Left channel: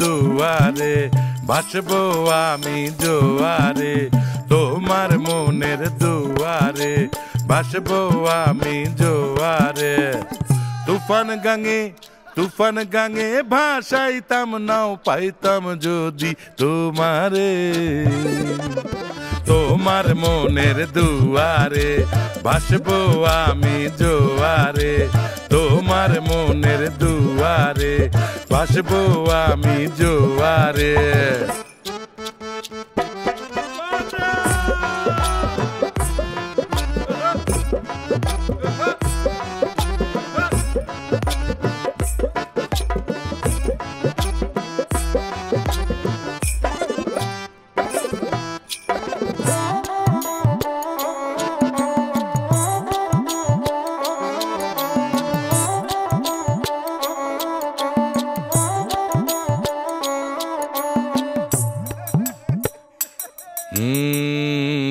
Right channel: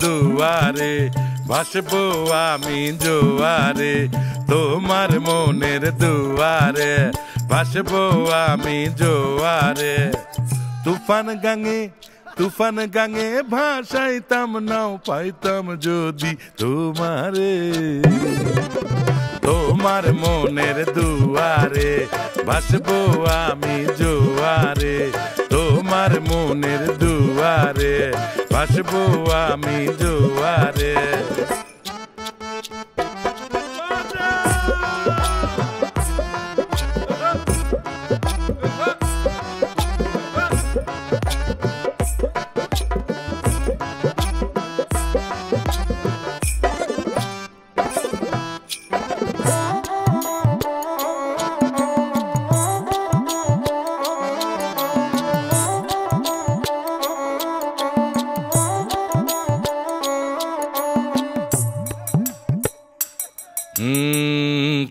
দুয়ারে ভাসবো আমি জোয়ারে, তোমার মনের দুয়ারে ভাসবো আমি জোয়ারে। তুফান গাঙে ভাসাইতাম নাও পাইতাম যদি তোমারে, তোমার মনের দুয়ারে ভাসবো আমি জোয়ারে, তোমার মনের দুয়ারে ভাসবো আমি জোয়ারে।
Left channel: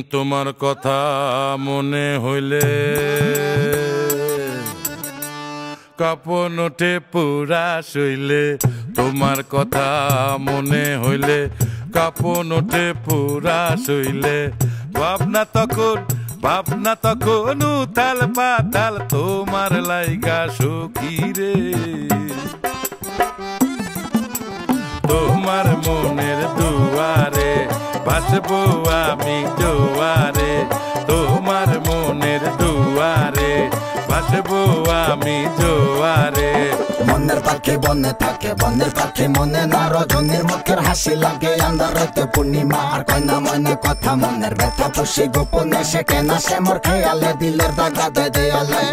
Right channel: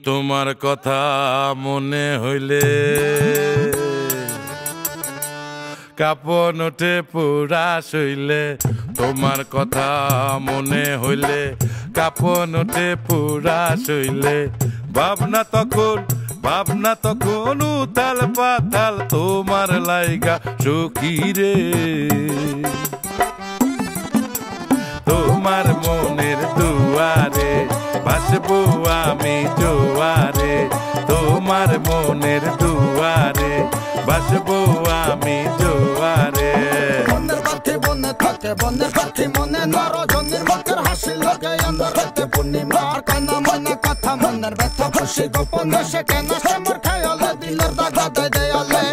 তোমার কথা মনে হইলে কাপন ওঠে পুরা শৈলে, তোমার কথা মনে হইলে কাপন ওঠে পুরা শৈলে। ভাবনা তখন উতাল পাতাল তোমার লাইগা সখী রে, তোমার মনের দুয়ারে ভাসবো আমি জোয়ারে, তোমার মনের দুয়ারে ভাসবো আমি জোয়ারে। মনের পাখি বনে থাকে, বনের পাখি মনে না, রজনীর মুখের হাসি লাগে আন্ধারেতে পূর্ণিমার কয়না মনে কথা, মনের ব্যথা খুশি গোপনে সে কেনা সে মোর খেয়ালে দিলের দাগা দেয়ালে।